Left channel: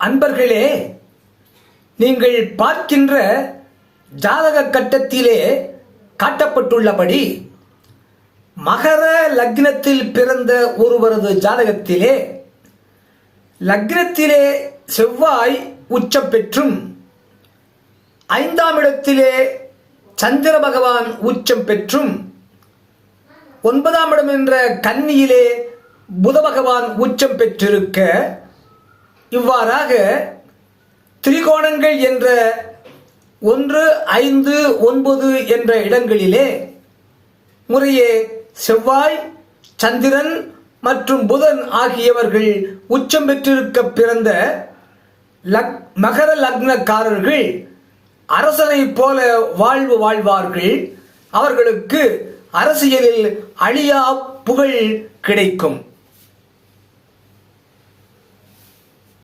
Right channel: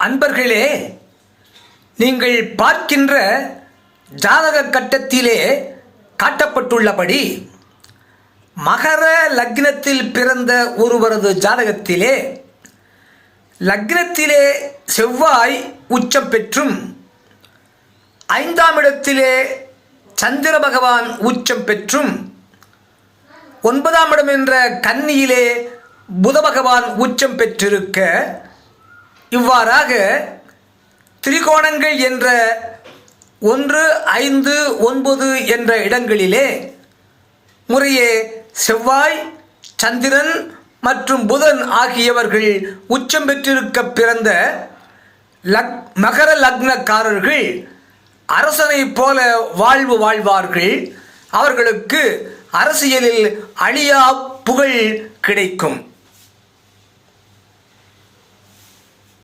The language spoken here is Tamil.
அன்பர்களே, நீங்கள் பார்க்கின்ற ஜாதக கட்டத்திலே காட்டப்பட்டுள்ளபடி மகர லக்னத்தில் பிறந்த ஒருவரது ஜாதகத்திலே லக்னத்திலே செவ்வாய் உச்சம் பெற்றும் 5ஆம் இடத்திலே சந்திர பகவான் உச்சம் பெற்றும் 9ஆம் இடம் என்ற கன்னியிலே புத பகவான் உச்சம் பெற்றிருக்க, இவ்வாறாக திரிகோணங்கள் என்ற 1, 5, 9 என்ற இடங்களிலே முறையே செவ்வாய், சந்திரன் மற்றும் புதன் ஆகியவர்கள் உச்சம் பெற்றிருக்க பிறந்த மகர லக்னக்காரர்கள் அரசனை போல வாழ்வு வாழ்வார்கள். அவர்களுக்கு அரசியலில் அழியா புகழ் கிடைக்கும்.